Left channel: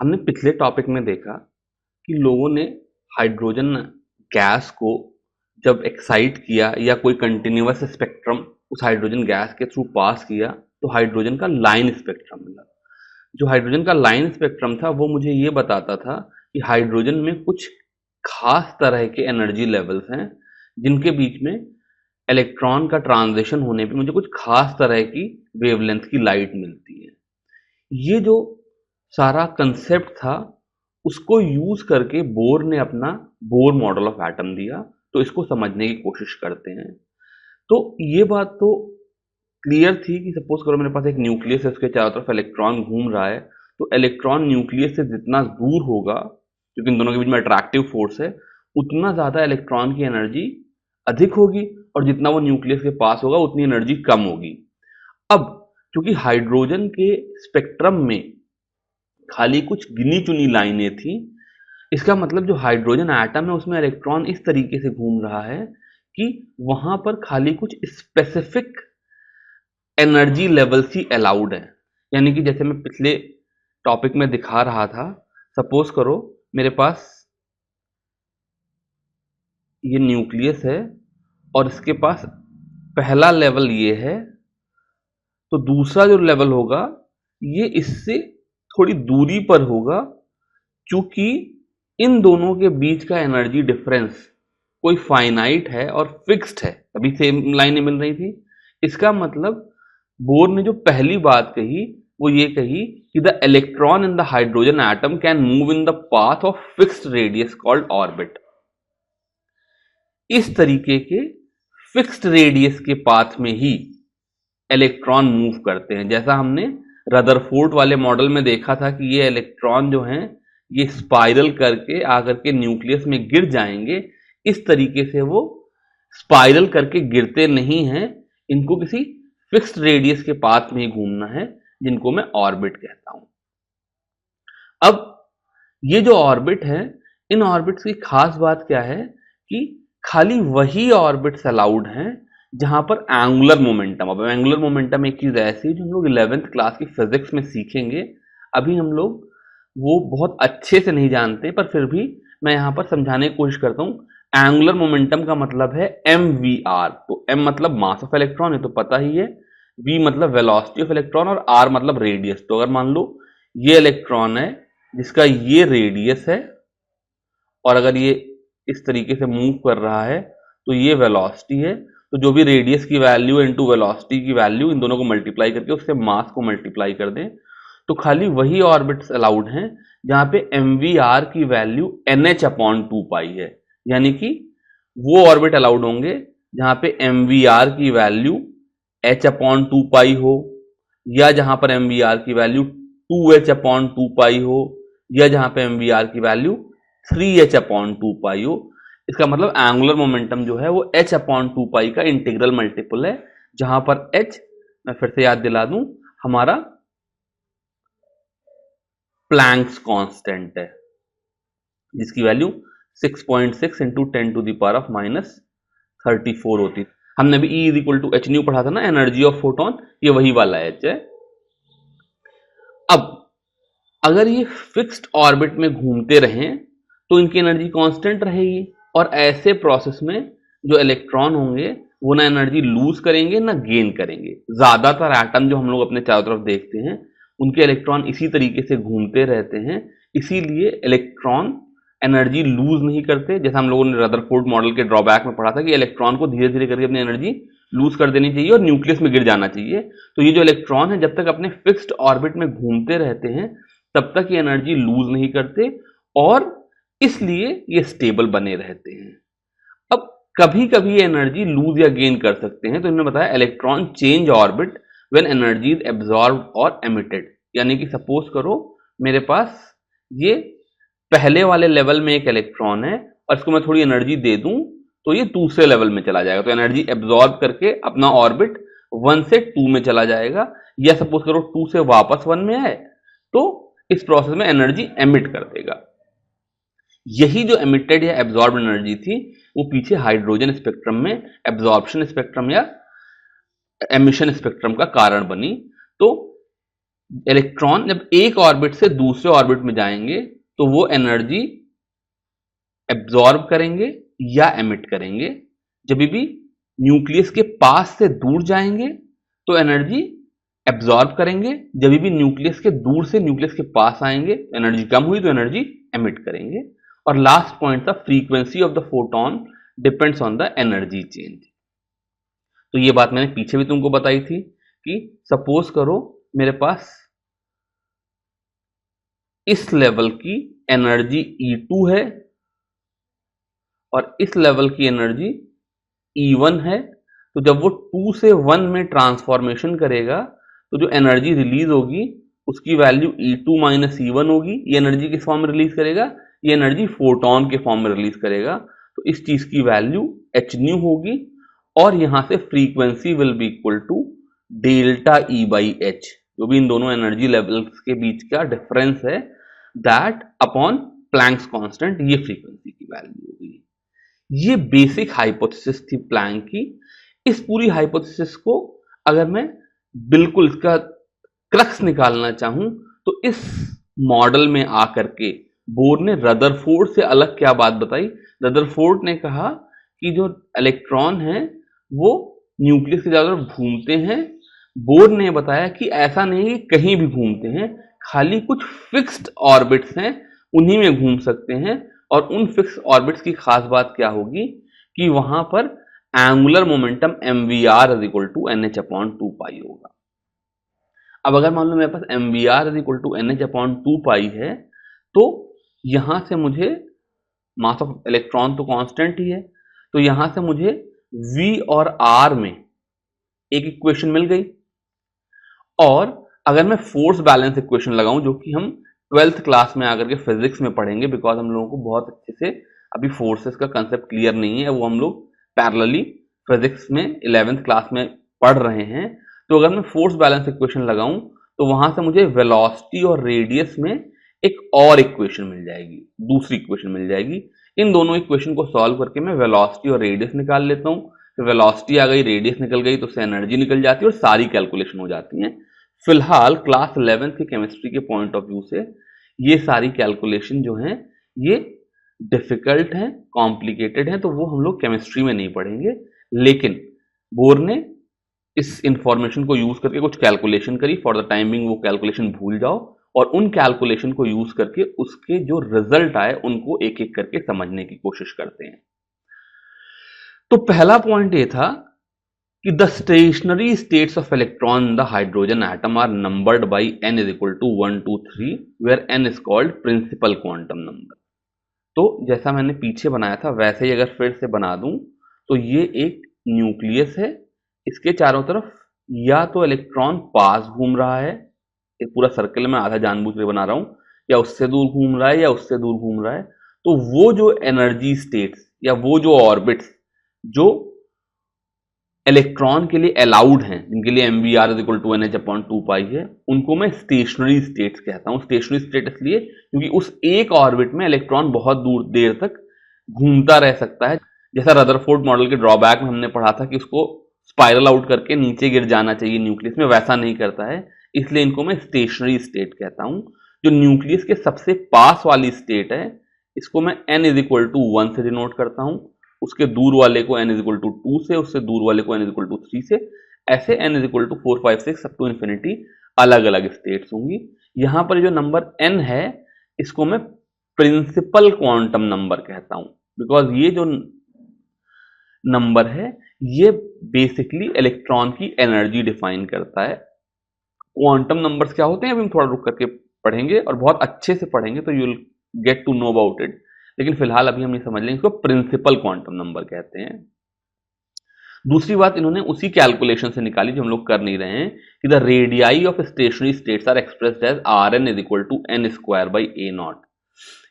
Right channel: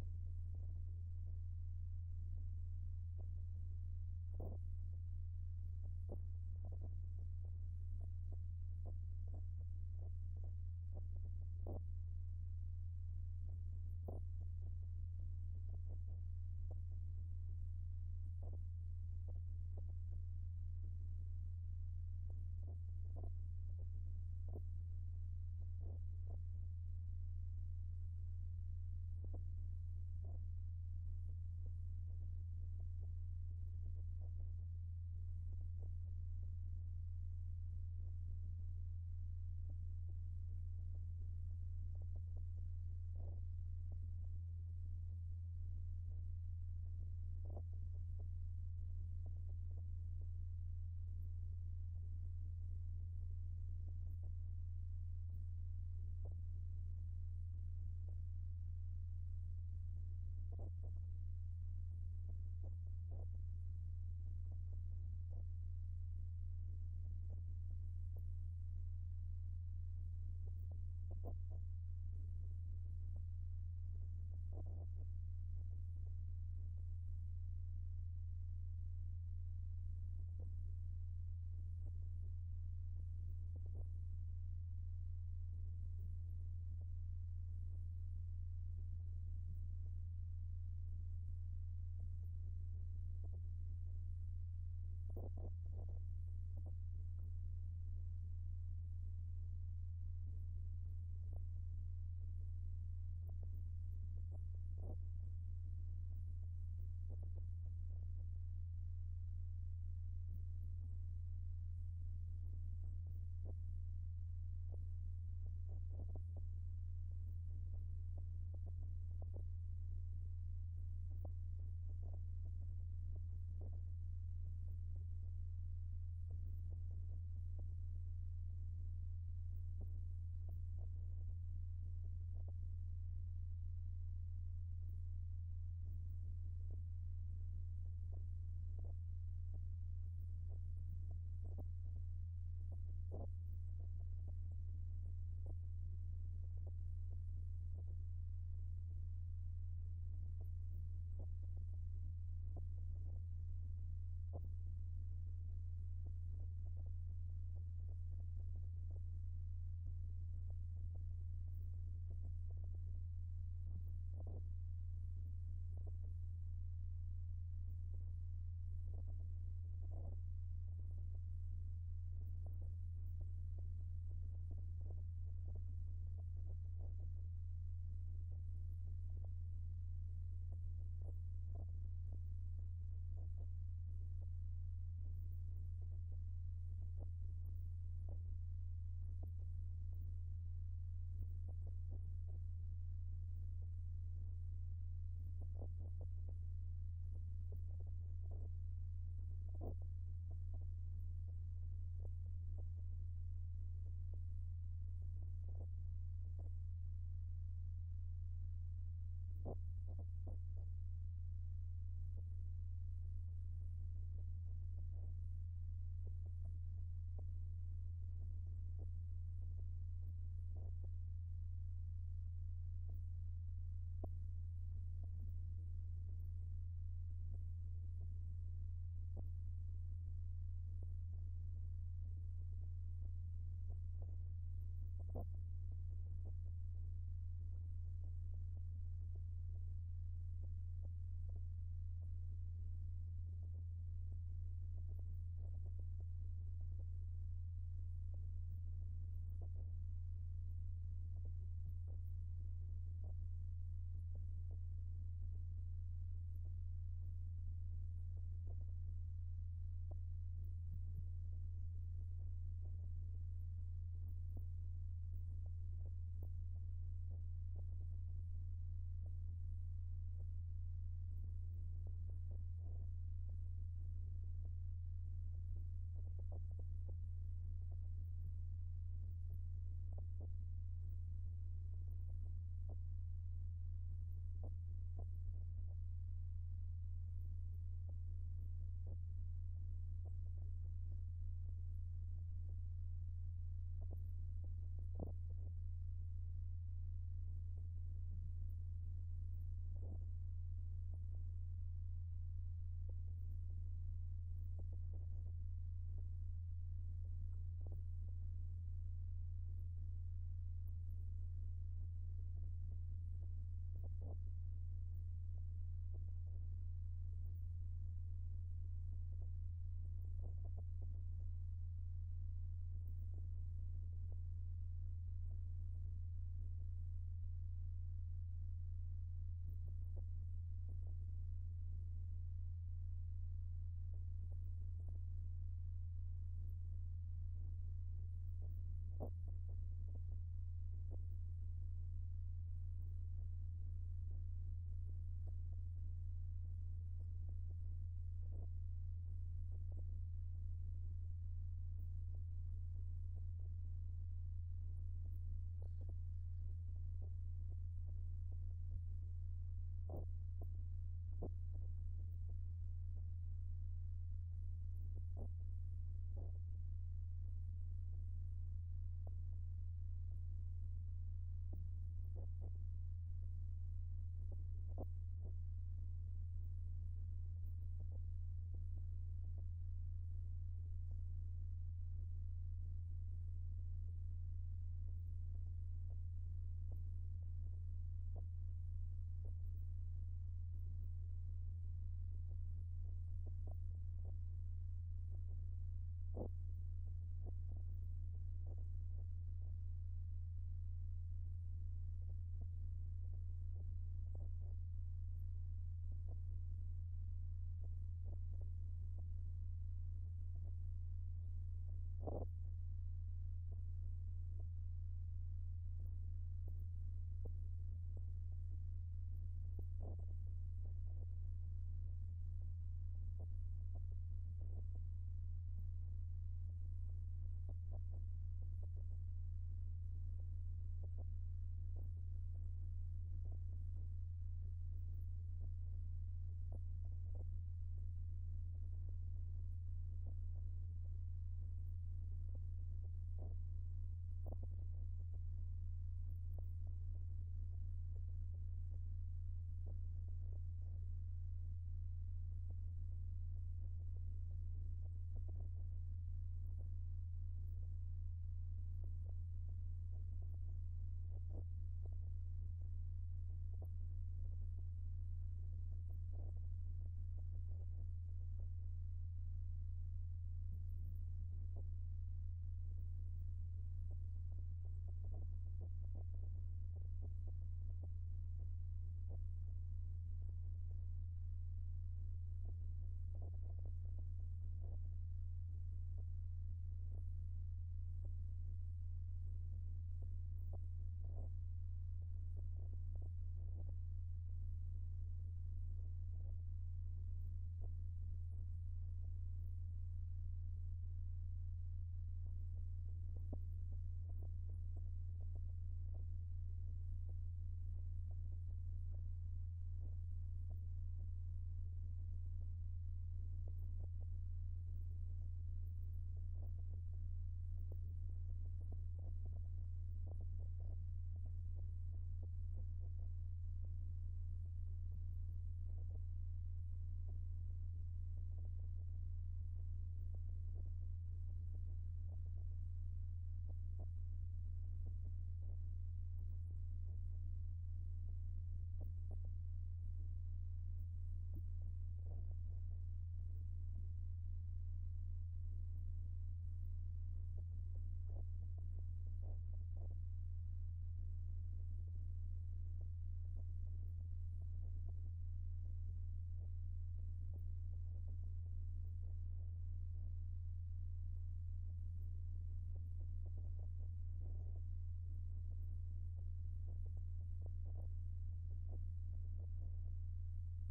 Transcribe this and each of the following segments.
हमने पिछले टॉपिक में देखा कि लोगों ने हाइड्रोजन गैस को जब एक्साइट किया या कोई कंटिन्यूअस स्पेक्ट्रम उस हाइड्रोजन गैस के थ्रू पास किया तो हाइड्रोजन का लाइन स्पेक्ट्रम मिला। जो हाइड्रोजन का लाइन स्पेक्ट्रम था वो मुझे ये बताता था कि हाइड्रोजन में कुछ खास तरह के एनर्जी लेवल्स हैं जिनके बीच में इलेक्ट्रॉन का ट्रांजिशन होने पे मुझे कुछ खास तरह की वेवलेंथ की लाइट मिलती है। ये जो सारा कंसेप्ट था उसको यूज करके बोर ने अपना बोर मॉडल ऑफ एटम दिया। तो इसको समझने की कोशिश करते हैं। तो ये बात तो क्लियर थी कि सपोज करो मेरे पास एक न्यूक्लियस है, उसके चारों तरफ इलेक्ट्रॉन घूम रहा है, तो इलेक्ट्रॉन न्यूक्लियस से जितना दूर होगा, क्योंकि इन दोनों के बीच में अट्रैक्टिव फोर्स है, उतना ज़्यादा इलेक्ट्रॉन की एनर्जी अधिक होगी और जितना वो न्यूक्लियस के पास होगा उतनी एनर्जी कम होगी। अब क्योंकि हाइड्रोजन के स्पेक्ट्रम में खाली कुछ गिनी चुनी लाइनें थी, इसका मतलब जो हाइड्रोजन एटम है उसमें इलेक्ट्रॉन इस तरीके से घूम रहा है कि वहां पर खाली कुछ स्पेसिफिक एनर्जी लेवल्स ही अलाउड है। यानी कि जैसे मैं पिछले टॉपिक में दिखा रहा था, सपोज करो मेरे पास ये न्यूक्लियस है और इसके पास पहला लेवल ये है, तो दूसरा जो लेवल होगा ये इससे थोड़ी दूरी पर होगा, क्योंकि इन दोनों के बीच का एनर्जी डिफरेंस कोई फाइनाइट है और फिक्स्ड है। अभी सेम लाइनें मिल रही थी। इसका मतलब बोर ने जो पहली बात कही वो ये कही कि the electron in the hydrogen atom can move in the path of fixed radius called orbit. इस तरीके के फिक्स्ड रेडियस के पाथ में ही इलेक्ट्रॉन मूव करते हैं। जैसा हमने रदरफोर्ड वाले मॉडल में देखा था कि ये इलेक्ट्रॉन जो हैं ये स्पाइरल करके आकर के न्यूक्लियस में गिर जाएंगे। इस तरीके से वो स्पाइरल करके गिरते नहीं हैं, इनको किसी फिक्स्ड रेडियस के पाथ में ही घूमना है, जिनको मैं ऑर्बिट कहता हूं। अब ये जो ऑर्बिट है, इन ऑर्बिट्स की खास बात क्या है कि खाली वही ऑर्बिट्स अलाउड हैं जहां पर एंगुलर मोमेंटम, अब एंगुलर मोमेंटम एक चीज ऐसी है जो हम लोग 11th क्लास की फिजिक्स में सीखेंगे। अभी हम लोग वो बहुत अच्छे से नहीं जानते, पर फिर भी मैं यहां पर समझाने की कोशिश करता हूं। एंगुलर मोमेंटम का मतलब है mvr। तो m मतलब मास ऑफ इलेक्ट्रॉन, ये तो पता ही है, v मतलब वेलोसिटी ऑफ इलेक्ट्रॉन और r मतलब रेडियस। तो अगर मान लो ये इलेक्ट्रॉन है जिसका ये रेडियस है और अगर ये इस तरीके से मूव कर रहा है तो ये वेलोसिटी है, तो जो भी रेडियस की वैल्यू इनटू वेलोसिटी की वैल्यू, इन दोनों को मल्टीप्लाई करके उससे मास को मल्टीप्लाई कर दें, तो खाली वही ऑर्बिट्स अलाउड हैं जहां पे mvr की वैल्यू nh/2 है। यानी कि वो ऑर्बिट अलाउड होंगे जहां पे mvr की वैल्यू h/2 हो, या जहां पर mvr की वैल्यू 2h/2 हो, या जहां पे mvr की वैल्यू 3h/2 हो। इसका मतलब एंगुलर मोमेंटम जो है वो h/2 का इंटीग्रल मल्टीपल है, जहां पर h, मैं फिर से याद दिला दूं, हमारा प्लैंक्स कांस्टेंट है जिसकी वैल्यू 6.6 इंटू 10⁻⁻34 होती। हमने भी E = h न्यू पढ़ा था ना, एनर्जी ऑफ फोटोन, ये वही वाला h है। अब अगर ये फिक्स्ड ऑर्बिट में घूमते रहें तो इनकी एनर्जी कांस्टेंट रहेगी, और ऐसे प्रोसेस में जो इलेक्ट्रॉन होंगे वो ना एनर्जी लूज करेंगे ना गेन करेंगे। ज्यादातर एटम जो हम लोग अपने चारों तरफ देखते हैं उनके इलेक्ट्रॉन इसी तरीके से घूमते रहते हैं, इसीलिए इलेक्ट्रॉन एनर्जी लूज नहीं करते। जैसा हम लोगों ने रदरफोर्ड मॉडल के ड्रॉबैक में पढ़ा था कि इलेक्ट्रॉन को धीरे धीरे करके अपनी एनर्जी लूज कर देनी चाहिए और न्यूक्लियस में गिर जाना चाहिए। तो ये जो इलेक्ट्रॉन है जब तक अपने फिक्स्ड ऑर्बिट में घूमते रहते हैं तब तक ये एनर्जी लूज नहीं करते, और इसलिए ये स्टेबल बने रहते हैं। अब कभी कभी ये एनर्जी लूज या गेन कर सकते हैं। तो इन्होंने बताया electron change orbit when energy is absorbed और एमिटेड। यानी कि सपोज करो मेरे पास ये पहले वाले लेवल में एक इलेक्ट्रॉन है और इसको मैं थोड़ी एनर्जी दे दूं तो ये दूसरे लेवल में चला जाएगा, तो एनर्जी एब्जॉर्ब करके अपना ऑर्बिट 1 से 2 में चला जाएगा, या सपोज करो 2 से वापस 1 में आए तो इस प्रोसेस में एनर्जी एमिट कर देगा। यही जो एमिटेड या एब्जॉर्ब एनर्जी थी वो पीछे हाइड्रोजन स्पेक्ट्रम में एब्जॉर्प्शन स्पेक्ट्रम या एमिशन स्पेक्ट्रम का कारण बनी। तो इलेक्ट्रॉन जब एक ऑर्बिट से दूसरे ऑर्बिट में जाएंगे तो वो एनर्जी एब्जॉर्ब करेंगे या एमिट करेंगे। जब भी न्यूक्लियस के पास से दूर जाएंगे तो एनर्जी एब्जॉर्ब करेंगे, जब भी न्यूक्लियस के दूर से न्यूक्लियस के पास आएंगे एनर्जी कम हुई तो एनर्जी एमिट करेंगे। और लास्ट पॉइंट था frequency of the photon depends on the energy change. तो ये बात मैंने पीछे भी तुमको बताई थी कि सपोज करो मेरे पास इस लेवल की एनर्जी E2 है और इस लेवल की एनर्जी E1 है, तो जब वो 2 से 1 में ट्रांसफॉर्मेशन करेगा तो जो एनर्जी रिलीज होगी उसकी वैल्यू E2 माइनस E1 होगी। ये एनर्जी किस फॉर्म में रिलीज करेगा? ये एनर्जी फोटोन के फॉर्म में रिलीज करेगा। तो इस चीज की वैल्यू h न्यू होगी और यहां से frequency will be equal to delta E by H, जो भी इन दोनों एनर्जी लेवल्स के बीच का डिफरेंस है, दैट अपॉन प्लैंक्स कांस्टेंट, ये फ्रीक्वेंसी की वैल्यू होगी। ये बेसिक हाइपोथेसिस थी प्लैंक की। इस पूरी हाइपोथेसिस को अगर मैं बिल्कुल इसका क्रक्स निकालना चाहूं तो इस मॉडल में आकर के बोर ने रदरफोर्ड से अलग क्या बात बताई? रदरफोर्ड ने कहा कि जो इलेक्ट्रॉन है वो न्यूक्लियस के चारों तरफ घूमते हैं। बोर ने बताया कि ऐसा नहीं है कि कहीं भी घूमते हैं, खाली कुछ फिक्स्ड ऑर्बिट्स हैं उन्हीं में घूम सकते हैं। और उन फिक्स ऑर्बिट्स की खास बात क्या होगी कि वहां पर angular momentum mvr is equal to nh upon 2 pi होगा। अब अगर मान लो मेरे पास mvr is equal to nh upon 2 pi है तो यहां से मुझे मास ऑफ इलेक्ट्रॉन तो कांस्टेंट ही है, तो यहां से मुझे v और r में एक इक्वेशन मिल गई। और अगर मैं फोर्स बैलेंस इक्वेशन लगाऊं, जो कि हम 12th क्लास में आकर के फिजिक्स में पढ़ेंगे, बिकॉज हम लोगों को बहुत अच्छे से अभी फोर्सेस का कंसेप्ट क्लियर नहीं है, वो हम लोग पैरेलली फिजिक्स में 11th क्लास में पढ़ रहे हैं। तो अगर मैं फोर्स बैलेंस इक्वेशन लगाऊं तो वहां से मुझे वेलोसिटी और रेडियस में एक और इक्वेशन मिल जाएगी, दूसरी इक्वेशन मिल जाएगी। इन दोनों इक्वेशन को सॉल्व करके मैं वेलोसिटी और रेडियस निकाल लेता हूं। तो वेलोसिटी आ गई, रेडियस निकल गई, तो उससे एनर्जी निकल जाती है और सारी कैलकुलेशन हो जाती है। फिलहाल क्लास 11th की केमिस्ट्री के पॉइंट ऑफ व्यू से ये सारी कैलकुलेशन जो हैं ये डिफिकल्ट हैं, कॉम्प्लिकेटेड हैं, तो वो हम लोग केमिस्ट्री में नहीं पढ़ेंगे। लेकिन बोर ने इस इंफॉर्मेशन को यूज करके कुछ कैलकुलेशन करी। फॉर द टाइम बिंग वो कैलकुलेशन भूल जाओ और उन कैलकुलेशन को यूज करके उसके जो रिजल्ट आए उनको एक एक करके समझने की कोशिश करते हैं। तो पहला पॉइंट ये था कि the stationary states of electron in the hydrogen atom are numbered by n is equal to 1, 2, 3, where n is called principal quantum number। तो जैसा मैंने पीछे बनाया था वैसे ही अगर फिर से बना दूं तो ये एक न्यूक्लियस है, इसके चारों तरफ या तो इलेक्ट्रॉन पास घूम रहा है, एक पूरा सर्कल में आधा जानबूझ के बना रहा हूं, या उससे दूर घूम रहा है या उससे दूर घूम रहा है। तो वो जो एनर्जी स्टेट्स या वो जो ऑर्बिट्स जो इलेक्ट्रॉन के लिए अलाउड हैं, जिनके लिए mvr is equal to nh upon 2 pi है, उनको मैं स्टेशनरी स्टेट्स कहता हूं। स्टेशनरी स्टेट इसलिए क्योंकि उस एक ऑर्बिट में इलेक्ट्रॉन बहुत दूर देर तक घूमता रह सकता है। जैसा रदरफोर्ड मॉडल के ड्रॉबैक में हमने पढ़ा था कि उसको स्पाइरल आउट करके नीचे गिर जाना चाहिए न्यूक्लियस में, वैसा नहीं करता है, इसलिए इनको मैं स्टेशनरी स्टेट कहता हूं। जो न्यूक्लियस के सबसे पास वाली स्टेट है इसको मैं n इज इक्वल टू 1 से डिनोट करता हूं, उसके दूर वाले को n इज इक्वल टू 2 से, उससे दूर वाले को n इज इक्वल टू 3 से, ऐसे n is equal to 4, 5, 6 up to infinity अलग अलग स्टेट्स होंगी। यहां पर जो नंबर n है इसको मैं प्रिंसिपल क्वांटम नंबर कहता हूं, बिकॉज ये जो नंबर है ये बेसिकली इलेक्ट्रॉन की एनर्जी डिफाइन करता है। क्वांटम नंबर्स क्या होते हैं अभी हम थोड़ा रुक करके पढ़ेंगे और बहुत अच्छे से पढ़ेंगे, तो you will get to know about it. लेकिन फिलहाल अभी हम ये समझ लेंगे, इसको प्रिंसिपल क्वांटम नंबर कहते हैं। दूसरी बात इन्होंने उसी कैलकुलेशन से निकाली जो हम लोग कर नहीं रहे हैं, कि the radii of stationary states are expressed as Rn is equal to n square by a naught.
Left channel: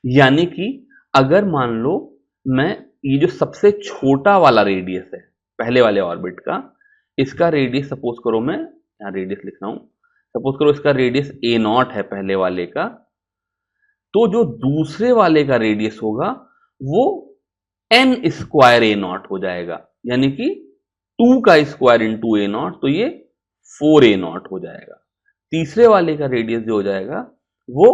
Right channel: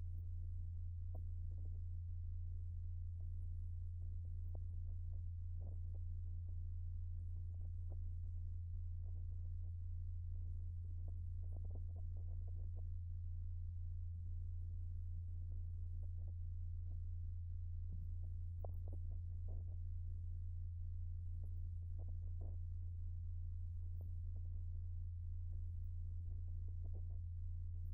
यानी कि अगर मान लो मैं ये जो सबसे छोटा वाला रेडियस है पहले वाले ऑर्बिट का, इसका रेडियस सपोज करो, मैं यहाँ रेडियस लिख रहा हूं, सपोज करो इसका रेडियस a नॉट है पहले वाले का, तो जो दूसरे वाले का रेडियस होगा वो n स्क्वायर a नॉट हो जाएगा, यानी कि 2 का स्क्वायर इंटू a नॉट, तो ये 4a नॉट हो जाएगा। तीसरे वाले का रेडियस जो हो जाएगा वो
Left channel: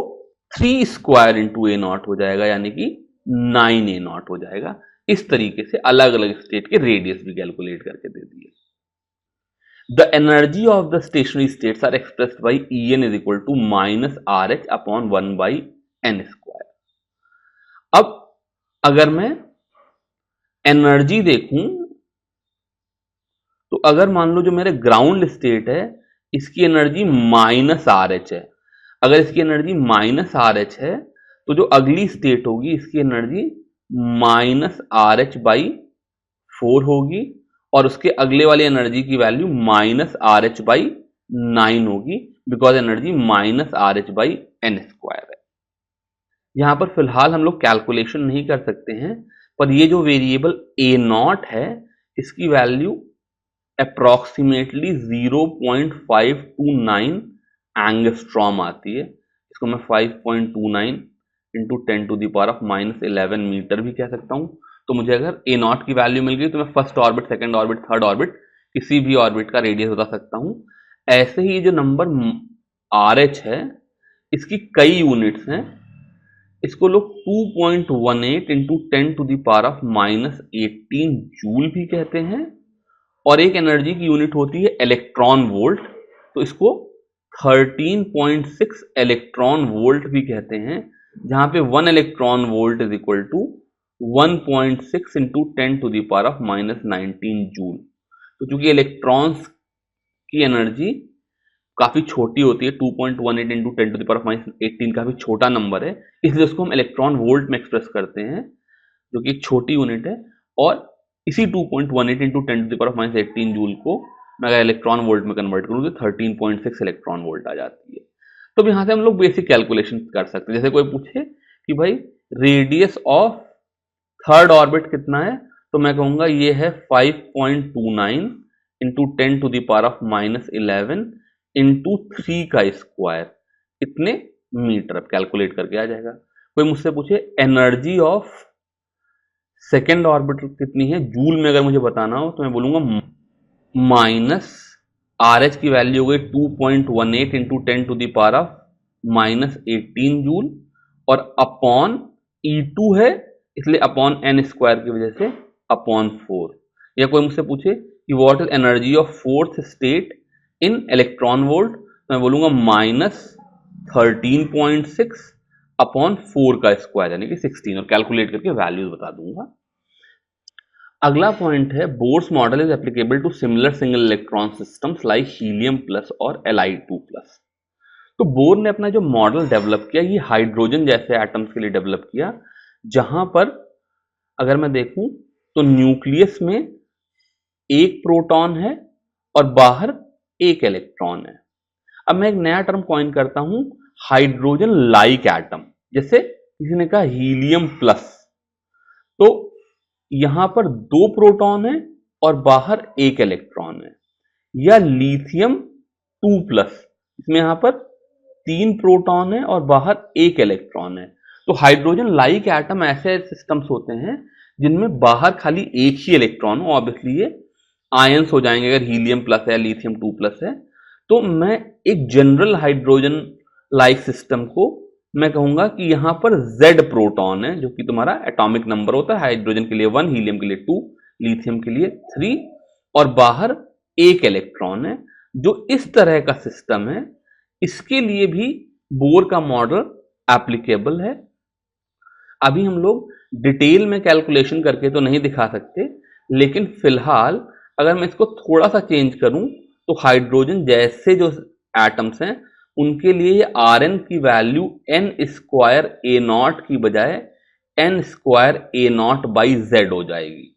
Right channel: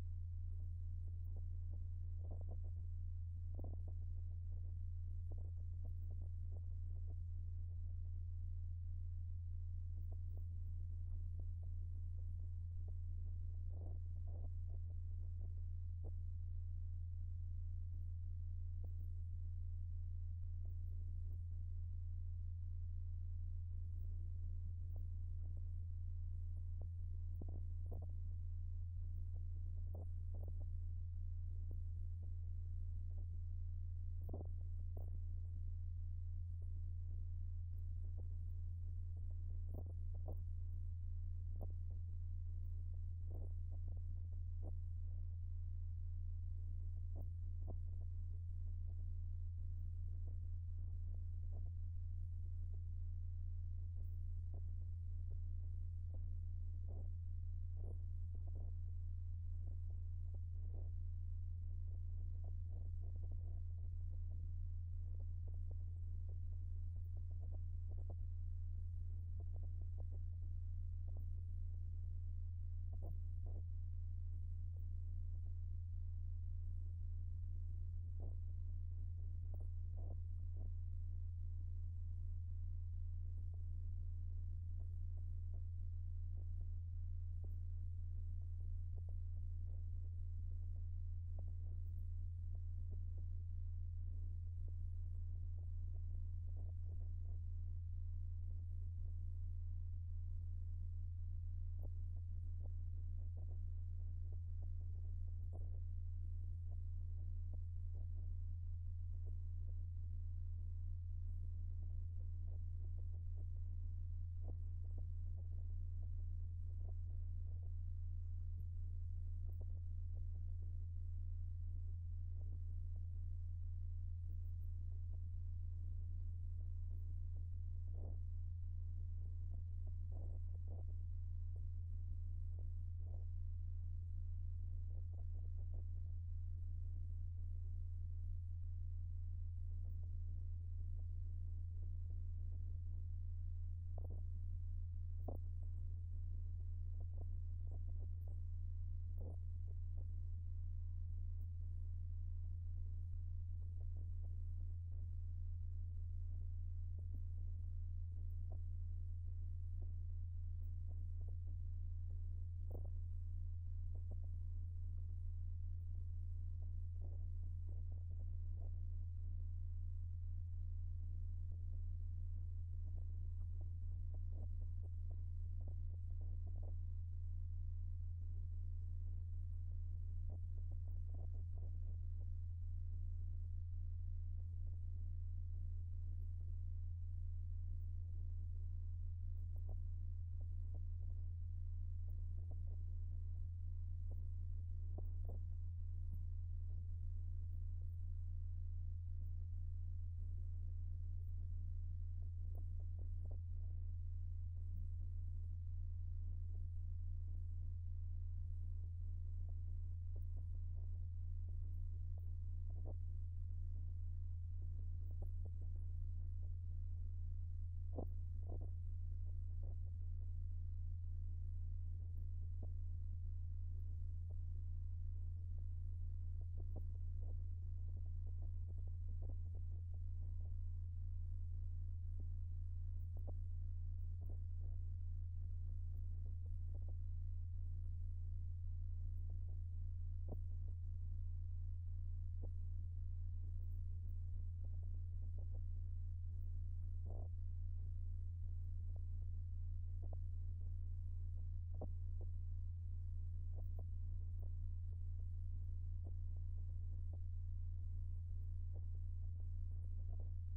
3 स्क्वायर इंटू ए नॉट हो जाएगा, यानी कि 9 ए नॉट हो जाएगा। इस तरीके से अलग अलग स्टेट के रेडियस भी कैलकुलेट करके दे दिए। The energy of the stationary states are expressed by En is equal to minus R H upon 1 by n square. अब अगर मैं एनर्जी देखूं तो अगर मान लो जो मेरे ग्राउंड स्टेट है इसकी एनर्जी माइनस आर एच है, अगर इसकी एनर्जी माइनस आर एच है तो जो अगली स्टेट होगी इसकी energy minus R H by 4 होगी, और उसके अगले वाली एनर्जी की value minus R H by 9 होगी, because energy minus R H by n square है। यहां पर फिलहाल हम लोग कैलकुलेशन नहीं कर सकते हैं, पर ये जो वेरिएबल ए नॉट है इसकी वैल्यू अप्रॉक्सीमेटली 0.529 एंगस्ट्रॉम आती है। इसको मैं 5.29 into 10 to the power of -11 metre भी कह सकता हूं। तो मुझे अगर ए नॉट की वैल्यू मिल गई तो मैं first orbit, second orbit, third orbit किसी भी ऑर्बिट का रेडियस बता सकता हूं। ऐसे ही जो नंबर आर एच है इसकी कई यूनिट्स हैं, इसको लोग 2.18 into 10 to the power of -18 joule भी कहते हैं, और एक एनर्जी की यूनिट होती है इलेक्ट्रॉन वोल्ट, तो इसको 13.6 इलेक्ट्रॉन वोल्ट भी कहते हैं, जहां पे 1 electron volt is equal to 1.6 into 10 to the power of -19 joule. तो चूंकि इलेक्ट्रॉन्स की एनर्जी काफी छोटी होती है, 2.18 into 10 to the power of -18 काफी छोटा नंबर है, इसलिए उसको हम इलेक्ट्रॉन वोल्ट में एक्सप्रेस करते हैं, जो कि एक छोटी यूनिट है। और इसी 2.18 into 10 to the power of -18 joule को मैं अगर इलेक्ट्रॉन वोल्ट में कन्वर्ट करूँ तो 13.6 इलेक्ट्रॉन वोल्ट आ जाती है। तो अब यहाँ से हम लोग बेसिक कैलकुलेशन कर सकते हैं। जैसे कोई पूछे कि भाई रेडियस ऑफ थर्ड ऑर्बिट कितना है, तो मैं कहूँगा ये है 5.29 into 10 to the power of -11 into 3 का स्क्वायर, इतने मीटर। अब कैलकुलेट करके आ जाएगा। कोई मुझसे पूछे एनर्जी ऑफ सेकेंड ऑर्बिटल कितनी है जूल में, अगर मुझे बताना हो तो मैं बोलूंगा माइनस आर एच की वैल्यू हो गई 2.18 into 10 to the power of -18 joule, और अपॉन E2 है इसलिए अपॉन एन स्क्वायर की वजह से अपॉन 4। या कोई मुझसे पूछे कि what is energy of fourth state in electron volt, तो मैं बोलूंगा -13.6 अपॉन 4 का स्क्वायर यानी कि 16, और कैलकुलेट करके वैल्यूज बता दूंगा। अगला पॉइंट है Bohr's model is applicable to similar single electron systems like helium plus और Li2 प्लस। तो बोर ने अपना जो मॉडल डेवलप किया ये हाइड्रोजन जैसे एटम्स के लिए डेवलप किया, जहां पर अगर मैं देखूं तो न्यूक्लियस में एक प्रोटॉन है और बाहर एक इलेक्ट्रॉन है। अब मैं एक नया टर्म कॉइन करता हूं, हाइड्रोजन लाइक एटम। जैसे किसी ने कहा हीलियम प्लस, तो यहां पर 2 प्रोटॉन है और बाहर एक इलेक्ट्रॉन है। या लिथियम 2 प्लस, इसमें यहां पर 3 प्रोटॉन है और बाहर एक इलेक्ट्रॉन है। तो हाइड्रोजन लाइक एटम ऐसे सिस्टम्स होते हैं जिनमें बाहर खाली एक ही इलेक्ट्रॉन हो। ऑब्वियसली ये आयंस हो जाएंगे अगर हीलियम प्लस है, लिथियम 2 प्लस है। तो मैं एक जनरल हाइड्रोजन लाइक सिस्टम को मैं कहूंगा कि यहां पर Z प्रोटॉन है, जो कि तुम्हारा एटॉमिक नंबर होता है। हाइड्रोजन के लिए 1, हीलियम के लिए 2, लिथियम के लिए 3, और बाहर एक इलेक्ट्रॉन है। जो इस तरह का सिस्टम है इसके लिए भी बोर का मॉडल एप्लीकेबल है। अभी हम लोग डिटेल में कैलकुलेशन करके तो नहीं दिखा सकते, लेकिन फिलहाल अगर मैं इसको थोड़ा सा चेंज करूं तो हाइड्रोजन जैसे जो एटम्स हैं उनके लिए ये Rn की value n square A not की बजाय n square A not by Z हो जाएगी।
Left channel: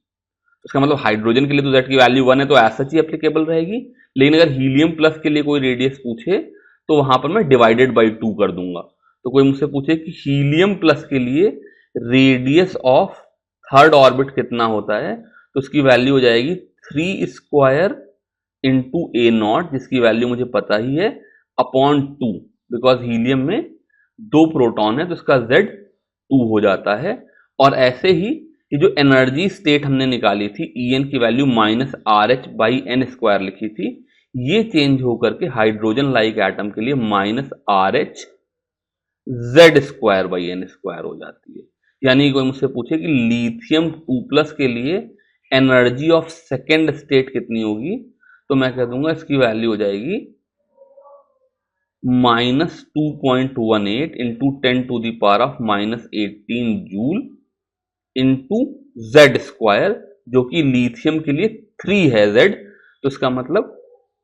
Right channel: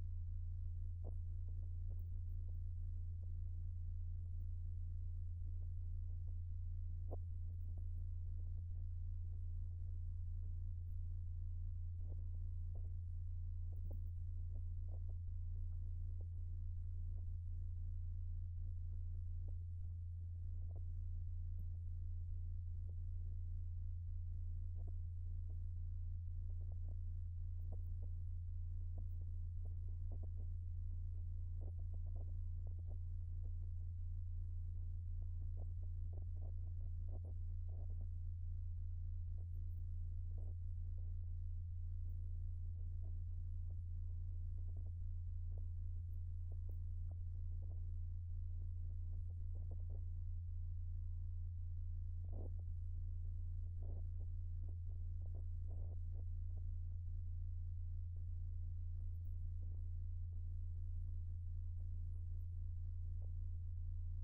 इसका मतलब हाइड्रोजन के लिए तो Z की वैल्यू 1 है तो ऐसा ही एप्लीकेबल रहेगी, लेकिन अगर हीलियम प्लस के लिए कोई रेडियस पूछे तो वहां पर मैं डिवाइडेड बाई 2 कर दूंगा। तो कोई मुझसे पूछे कि हीलियम प्लस के लिए रेडियस ऑफ थर्ड ऑर्बिट कितना होता है, तो उसकी वैल्यू हो जाएगी 3 स्क्वायर इंटू ए नॉट, जिसकी वैल्यू मुझे पता ही है, अपॉन 2, बिकॉज हीलियम में 2 प्रोटॉन है तो इसका Z 2 हो जाता है। और ऐसे ही ये जो एनर्जी स्टेट हमने निकाली थी En की value -RH by n square लिखी थी, ये चेंज होकर के हाइड्रोजन लाइक एटम के लिए minus R H Z square by n square हो जाती है। यानी कोई मुझसे पूछे कि लिथियम 2+ के लिए एनर्जी ऑफ सेकेंड स्टेट कितनी होगी, तो मैं कह दूंगा इसकी वैल्यू हो जाएगी -2.18 into 10⁻⁻18 joule into Z square, जो कि लिथियम के लिए 3 है जेड, तो इसका मतलब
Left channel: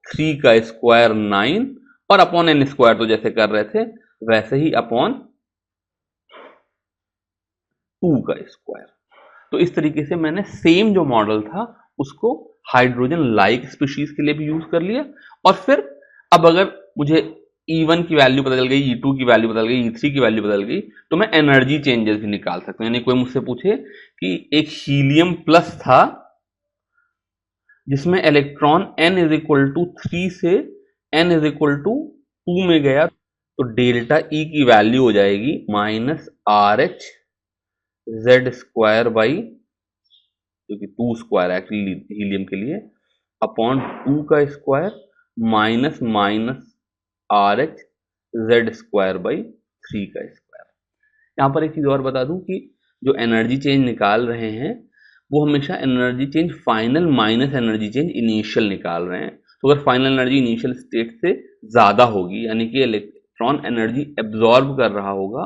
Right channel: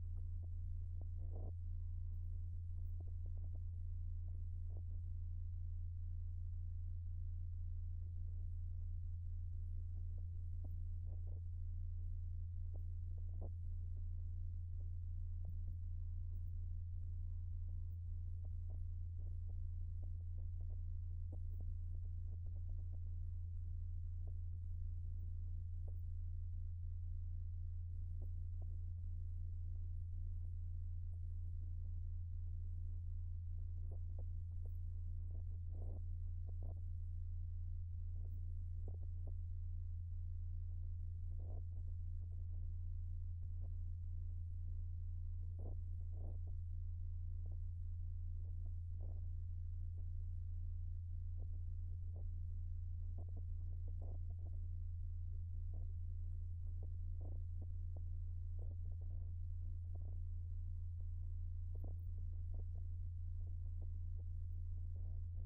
3 का स्क्वायर 9 और अपॉन एन स्क्वायर, तो जैसे कर रहे थे वैसे ही अपॉन 2 का स्क्वायर। तो इस तरीके से मैंने सेम जो मॉडल था उसको हाइड्रोजन लाइक स्पीशीज के लिए भी यूज कर लिया। और फिर अब अगर मुझे E1 की वैल्यू बदल गई, E2 की वैल्यू बदल गई, E3 की वैल्यू बदल गई, तो मैं एनर्जी चेंजेस भी निकाल सकता हूं। यानी कोई मुझसे पूछे कि एक हीलियम प्लस था जिसमें इलेक्ट्रॉन n=3 से n=2 में गया, तो डेल्टा E की वैल्यू हो जाएगी -RH जेड स्क्वायर बाई, जो कि 2 स्क्वायर एक्चुअली हीलियम के लिए, अपॉन 2 का square minus RH Z square by 3 का स्क्वायर। यहाँ पर एक चीज़ और बता दूं कि जो एनर्जी चेंज निकाल रहे हैं वो हमेशा energy change final minus energy change initial निकाल रहे हैं। तो अगर फाइनल एनर्जी इनिशियल स्टेट से ज़्यादा होगी, यानी कि इलेक्ट्रॉन एनर्जी एब्जॉर्ब कर रहा होगा,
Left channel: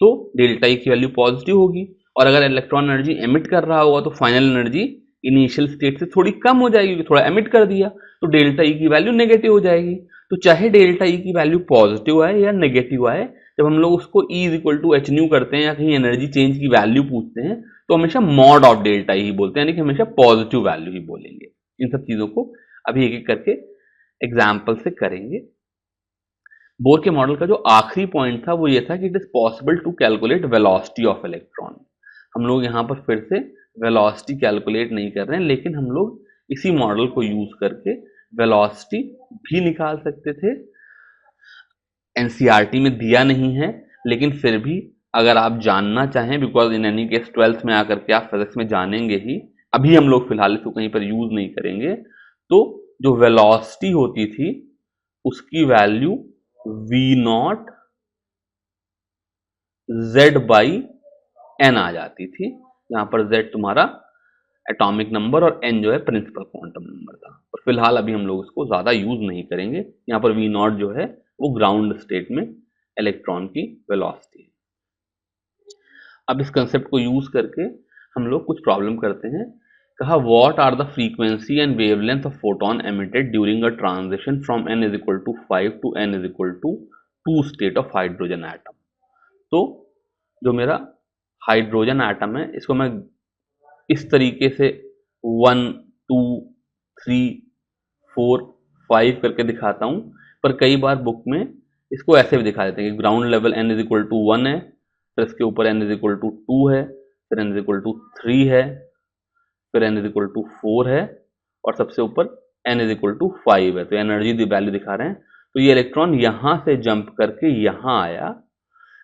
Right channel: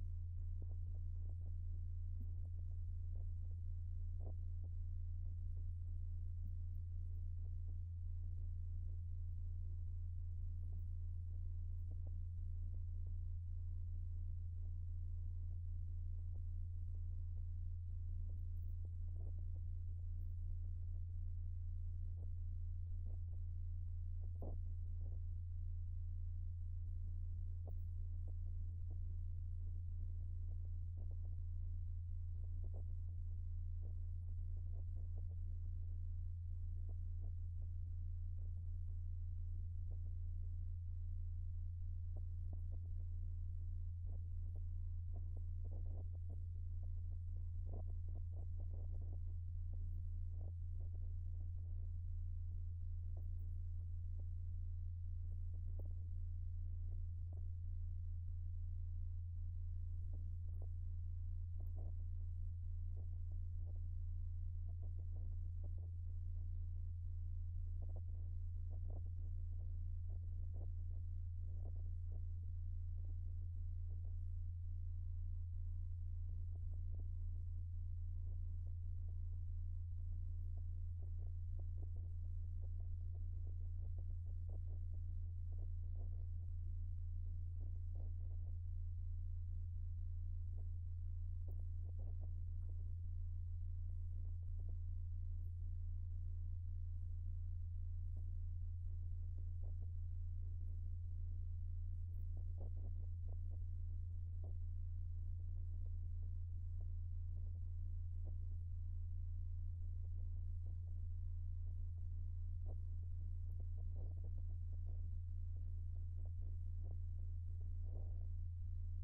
तो डेल्टा ई की वैल्यू पॉजिटिव होगी। और अगर इलेक्ट्रॉन एनर्जी एमिट कर रहा होगा तो फाइनल एनर्जी इनिशियल स्टेट से थोड़ी कम हो जाएगी, क्योंकि थोड़ा एमिट कर दिया, तो डेल्टा ई की वैल्यू नेगेटिव हो जाएगी। तो चाहे डेल्टा ई की वैल्यू पॉजिटिव आए या नेगेटिव आए, जब हम लोग उसको E = h करते हैं या कहीं एनर्जी चेंज की वैल्यू पूछते हैं, तो हमेशा मॉड ऑफ डेल्टा ही बोलते हैं, यानी कि हमेशा पॉजिटिव वैल्यू ही बोलेंगे। इन सब चीज़ों को अभी एक एक करके एग्जाम्पल से करेंगे। बोर के मॉडल का जो आखिरी पॉइंट था वो ये था कि it is possible to calculate velocity of electron. हम लोग यहाँ पर फिर से वेलोसिटी कैलकुलेट नहीं कर रहे हैं, लेकिन हम लोग इसी मॉडल को यूज करके वेलोसिटी भी निकाल सकते थे। एनसीईआरटी में दिया नहीं है, लेकिन फिर भी अगर आप जानना चाहें, because in any case 12th में आकर के आप फिजिक्स में जानेंगे ही, अभी हम लोग फिलहाल इसको कहीं पर यूज नहीं करेंगे, तो जो वेलोसिटी होती थी उसकी वैल्यू V0 Z/n आ जाती थी। यहाँ पर Z तुम्हारा एटॉमिक नंबर और n जो है प्रिंसिपल क्वांटम नंबर था। और फिलहाल अभी हम लोग उसको ज़्यादा यूज नहीं करेंगे। यहाँ पर V0 जो है वो ग्राउंड स्टेट में इलेक्ट्रॉन की वेलोसिटी है। अब इस कंसेप्ट को यूज करके हम लोग कुछ प्रॉब्लम करते हैं। कहा what are the frequency and wavelength of photon emitted during a transition from n=5 to n=2 state of hydrogen atom. तो जो मेरा हाइड्रोजन एटम है इसको मैं इस तरीके से 1 2 3 4 5 करके दिखाता हूँ, पर कई बार बुक में इसको ऐसे भी दिखा देते हैं कि ग्राउंड लेवल n=1 है, फिर इसके ऊपर n=2 है, फिर n=3 है, फिर n=4 है, और सबसे ऊपर n=5 है। तो एनर्जी वैल्यू दिखा रहे हैं। तो ये इलेक्ट्रॉन यहां से जंप करके यहां आया,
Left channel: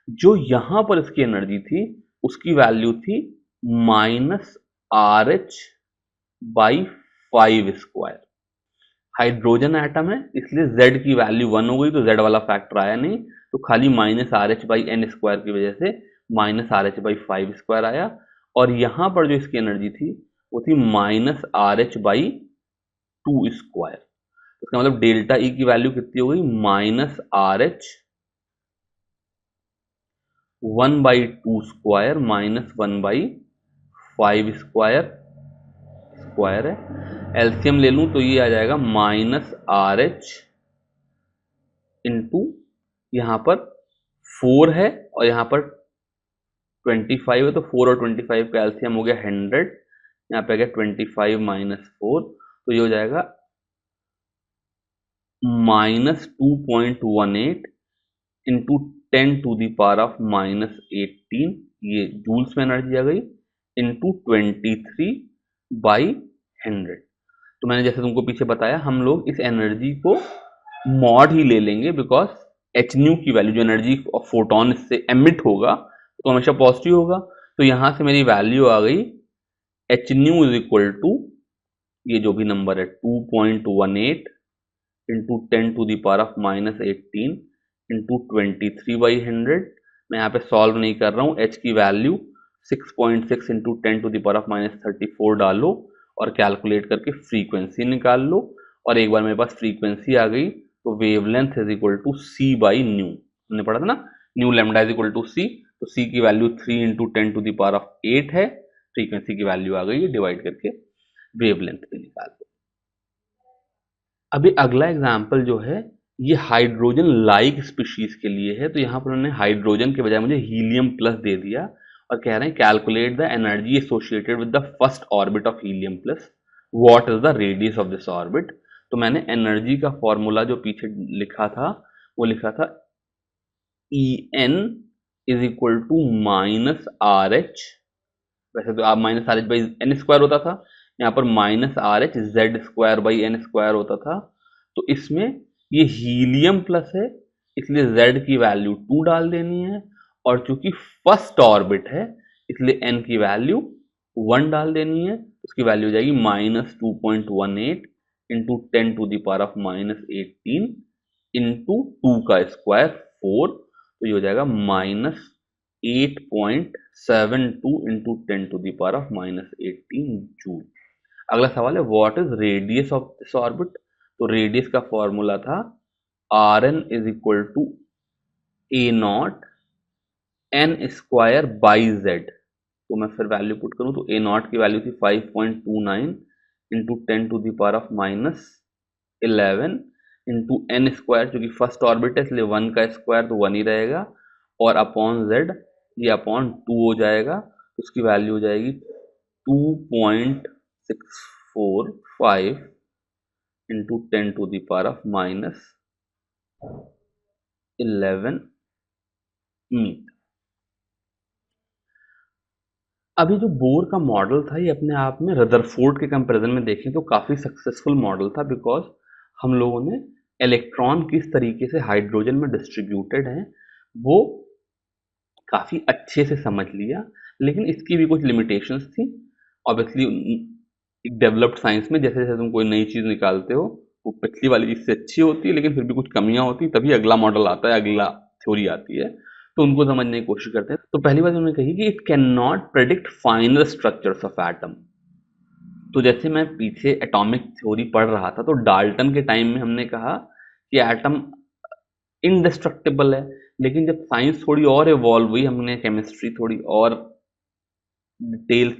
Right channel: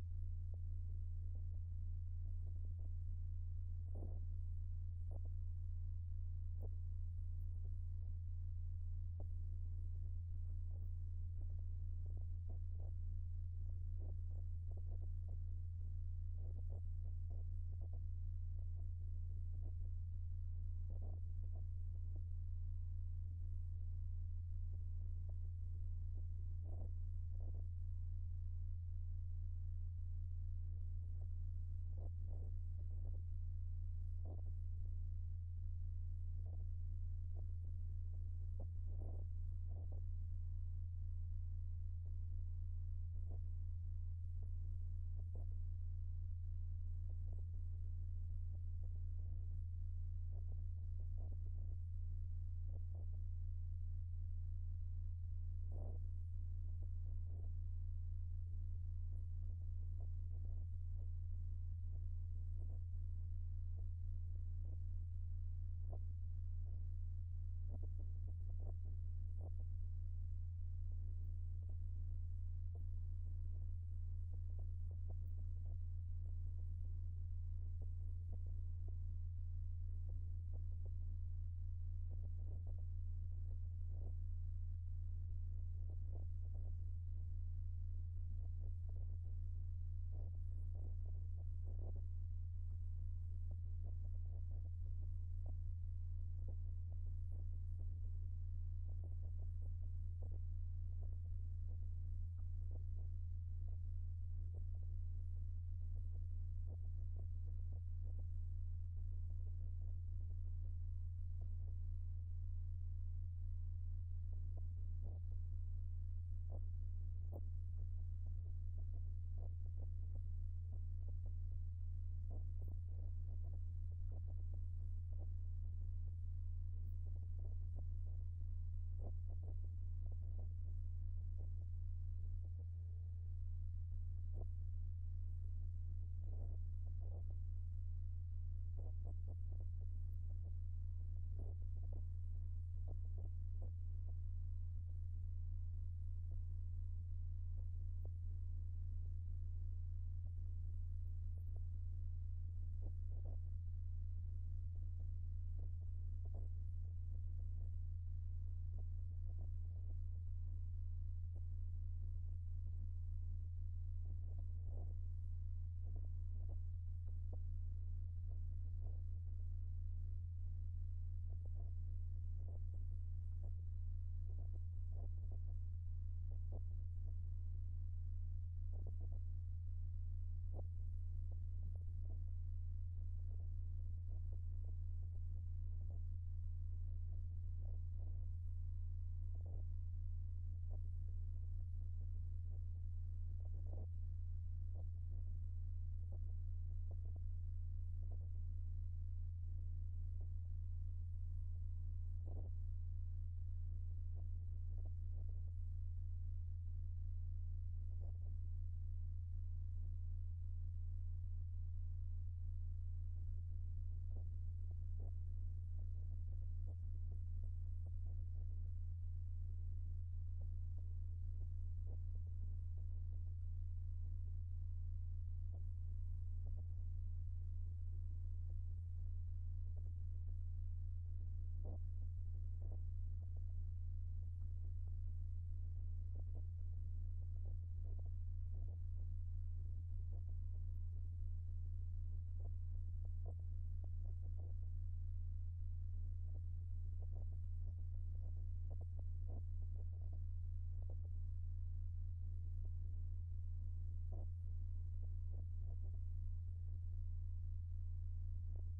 जो यहां पर इसकी एनर्जी थी उसकी वैल्यू थी -RH/5 स्क्वायर। हाइड्रोजन एटम है इसलिए Z की वैल्यू 1 हो गई, तो Z वाला फैक्टर आया नहीं, तो खाली -RH/n स्क्वायर की वजह से -RH/5 स्क्वायर आया। और यहां पर जो इसकी एनर्जी थी वो थी -RH/2 स्क्वायर। इसका मतलब डेल्टा E की वैल्यू कितनी हो गई, -RH1/2 स्क्वायर -1/5 स्क्वायर है। एलसीएम ले लूं तो ये आ जाएगा -RH इंटू यहाँ पर 4 है और यहाँ पर 25 है, तो 4 और 25 का एलसीएम हो गया 100। यहाँ पे आ गया 25 - 4, तो ये हो जाएगा -2.18 इंटू 10⁻⁻18, ये जूल्स में एनर्जी आ गई, इंटू 23/100। तो मैंने जैसे तुमको पीछे बताया, हम लोग इस एनर्जी को मॉड ही ले लेंगे, बिकॉज एच न्यू की वैल्यू, जो एनर्जी ऑफ फोटोन इससे एमिट होगा तो हमेशा पॉजिटिव होगा। तो यहां से मेरी वैल्यू आ गई H nu is equal to, ये जो भी नंबर है 2.18 इंटू 10⁻⁻18 इंटू 23/100। मैं यहाँ पे सॉल्व नहीं कर रहा हूँ, h की वैल्यू 6.6 इंटू 10⁻34 डालो और कैलकुलेट करके फ्रीक्वेंसी निकाल लो। और एक बार मेरे पास फ्रीक्वेंसी आ गई तो wavelength is equal to C by nu, हमने पढ़ा था ना, nu lambda is equal to C, तो सी की वैल्यू 3 इंटू 10⁸ है, फ्रीक्वेंसी की वैल्यू आ गई है, डिवाइड करके वेवलेंथ भी निकाल दो। अभी अगला एग्जाम्पल जो है ये हाइड्रोजन लाइक स्पीशीज के लिए है, तो यहाँ पर उन्होंने हाइड्रोजन के बजाय मुझे हीलियम प्लस दे दिया और कह रहे हैं calculate the energy associated with the first orbit of helium plus, what is the radius of this orbit. तो मैंने एनर्जी का फॉर्मूला जो पीछे लिखा था वो लिखा था En is equal to minus R H, वैसे तो आप minus R H by n square होता था, यहाँ पर minus R H Z square by n square होता था। तो इसमें ये हीलियम प्लस है इसलिए z की वैल्यू 2 डाल देनी है, और चूंकि फर्स्ट ऑर्बिट है इसलिए n की वैल्यू 1 डाल देनी है, उसकी वैल्यू हो जाएगी -2.18 इंटू 10⁻⁻18 इंटू 2 का स्क्वायर 4, तो ये हो जाएगा -8.72 इंटू 10⁻⁻18 जूल। अगला सवाल है what is radius of this orbit. तो रेडियस का फॉर्मूला था Rn is equal to a0 n square by z। तो मैं फिर वैल्यू पुट करूं तो a0 की वैल्यू थी 5.29 इंटू 10⁻11 इंटू n स्क्वायर, क्योंकि फर्स्ट ऑर्बिट है इसलिए 1 का स्क्वायर तो 1 ही रहेगा, और अपॉन z, ये अपॉन 2 हो जाएगा, तो उसकी वैल्यू हो जाएगी 2.645 इंटू 10⁻11 मीटर। अभी जो बोर का मॉडल था ये अपने आप में रदरफोर्ड के कंपैरिजन में देखें तो काफ़ी सक्सेसफुल मॉडल था, बिकॉज हम लोगों ने इलेक्ट्रॉन किस तरीके से हाइड्रोजन में डिस्ट्रीब्यूटेड हैं वो काफ़ी अच्छे से समझ लिया, लेकिन इसकी भी कुछ लिमिटेशंस थी। ऑब्वियसली एक डेवलप्ड साइंस में जैसे जैसे तुम कोई नई चीज़ निकालते हो वो पिछली वाली चीज़ से अच्छी होती है, लेकिन फिर भी कुछ कमियां होती है, तभी अगला मॉडल आता है, अगला थ्योरी आती है, तो उनको समझने की कोशिश करते हैं। तो पहली बात उन्होंने कही कि it can not predict final structures of atom. तो जैसे मैं पीछे एटॉमिक थ्योरी पढ़ रहा था तो डाल्टन के टाइम में हमने कहा कि एटम इनडिस्ट्रक्टिबल है, लेकिन जब साइंस थोड़ी और इवॉल्व हुई, हमने केमिस्ट्री थोड़ी और डिटेल्स,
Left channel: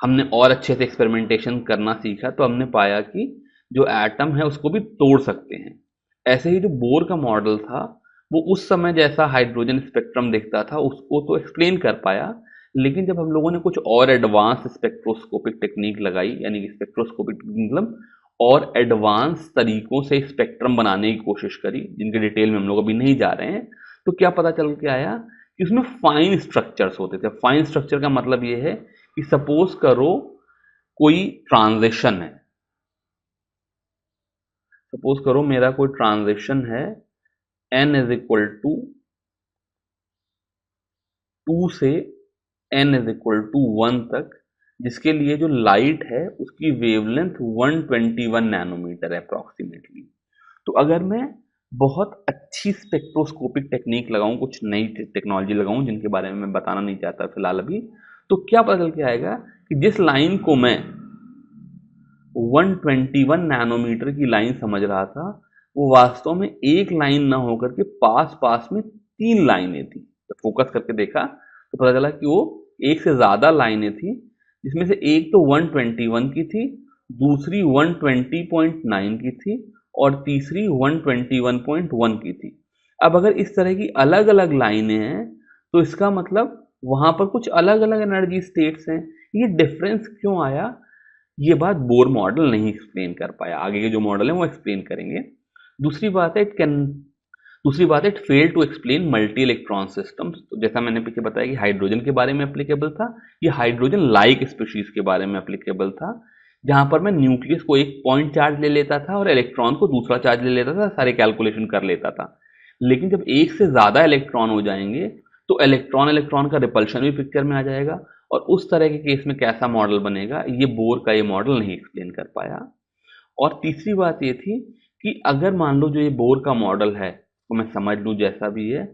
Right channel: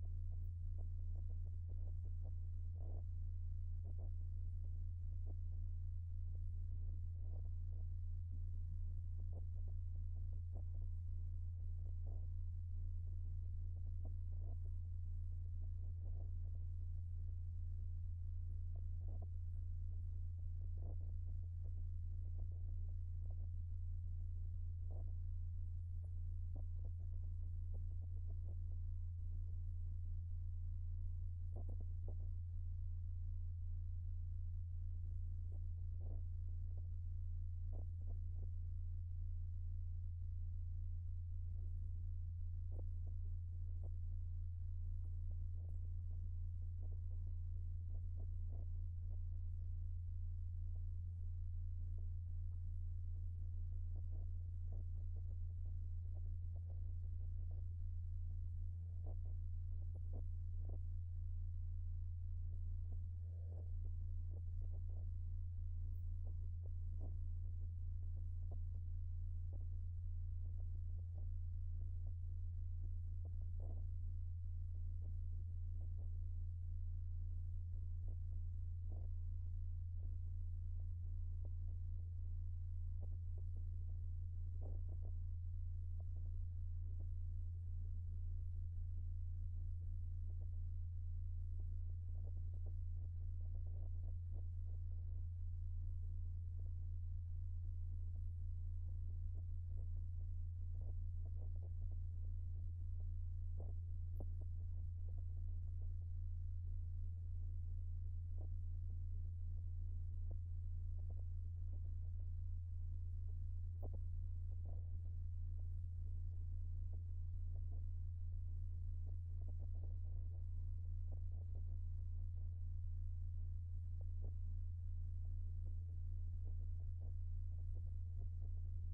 हमने और अच्छे से एक्सपेरिमेंटेशन करना सीखा, तो हमने पाया कि जो एटम है उसको भी तोड़ सकते हैं। ऐसे ही जो बोर का मॉडल था वो उस समय जैसा हाइड्रोजन स्पेक्ट्रम दिखता था उसको तो एक्सप्लेन कर पाया, लेकिन जब हम लोगों ने कुछ और एडवांस स्पेक्ट्रोस्कोपिक टेक्निक लगाई, यानी कि स्पेक्ट्रोस्कोपिक मतलब और एडवांस तरीकों से स्पेक्ट्रम बनाने की कोशिश करी, जिनके डिटेल में हम लोग अभी नहीं जा रहे हैं, तो क्या पता चल के आया कि उसमें फाइन स्ट्रक्चर्स होते थे। फाइन स्ट्रक्चर का मतलब ये है कि सपोज करो कोई ट्रांजिशन है, सपोज करो मेरा कोई ट्रांजिशन है n इज इक्वल टू 2 से n इज इक्वल टू 1 तक, जिसके लिए जो लाइट है उसकी वेवलेंथ 121 नैनोमीटर है अप्रॉक्सीमेटली। तो अगर मैं बहुत अच्छी स्पेक्ट्रोस्कोपिक टेक्निक लगाऊं, कुछ नई टेक्नोलॉजी लगाऊं जिनके बारे में मैं बताना नहीं चाहता फिलहाल अभी, तो क्या पता चल के आएगा कि जिस लाइन को मैं 121 नैनोमीटर की लाइन समझ रहा था वो वास्तव में एक लाइन ना होकर के पास पास में 3 लाइनें थी। जब फोकस करके देखा तो पता चला कि वो एक से ज़्यादा लाइनें थी, जिसमें से एक तो 121 की थी, दूसरी 120.9 की थी और तीसरी 121.1 की थी। अब अगर इस तरह की अलग अलग लाइनें हैं तो इसका मतलब वहाँ पर कुछ अलग अलग एनर्जी स्टेट्स हैं। ये डिफरेंस क्यों आया, ये बात बोर मॉडल नहीं एक्सप्लेन कर पाया, आगे के जो मॉडल है वो एक्सप्लेन करेंगे। दूसरी बात है it fail to explain multi electron systems. तो जैसा मैंने पीछे बताया कि हाइड्रोजन के बारे में एप्लीकेबल था, ये हाइड्रोजन लाइक स्पीशीज के बारे में एप्लीकेबल था, जहां पर मैं न्यूक्लियस को एक पॉइंट चार्ज ले लेता था और इलेक्ट्रॉन को दूसरा चार्ज ले लेता था, सारे कैलकुलेशन कर लेता था। लेकिन जब एक से ज़्यादा इलेक्ट्रॉन हो जाएंगे तो इलेक्ट्रॉन का रिपल्शन भी पिक्चर में आ जाएगा, और उस तरह के केस में कैसा मॉडल बनेगा ये बोर का ये मॉडल नहीं एक्सप्लेन कर पाया। और तीसरी बात ये थी कि अगर मान लो जो ये बोर का मॉडल है तो मैं समझ लूँ जैसा भी है,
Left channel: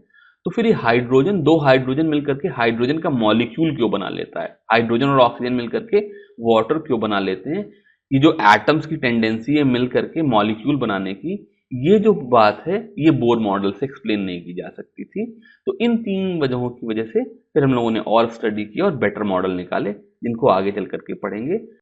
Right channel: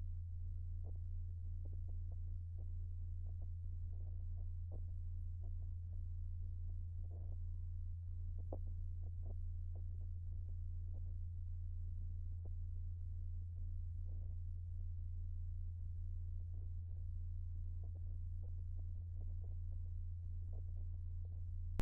तो फिर ये हाइड्रोजन, दो हाइड्रोजन मिलकर के हाइड्रोजन का मॉलिक्यूल क्यों बना लेता है, हाइड्रोजन और ऑक्सीजन मिलकर के वाटर क्यों बना लेते हैं, ये जो एटम्स की टेंडेंसी है मिल करके मॉलिक्यूल बनाने की, ये जो बात है ये बोर मॉडल से एक्सप्लेन नहीं की जा सकती थी। तो इन तीन वजहों की वजह से फिर हम लोगों ने और स्टडी किया और बेटर मॉडल निकाले, जिनको आगे चल करके पढ़ेंगे।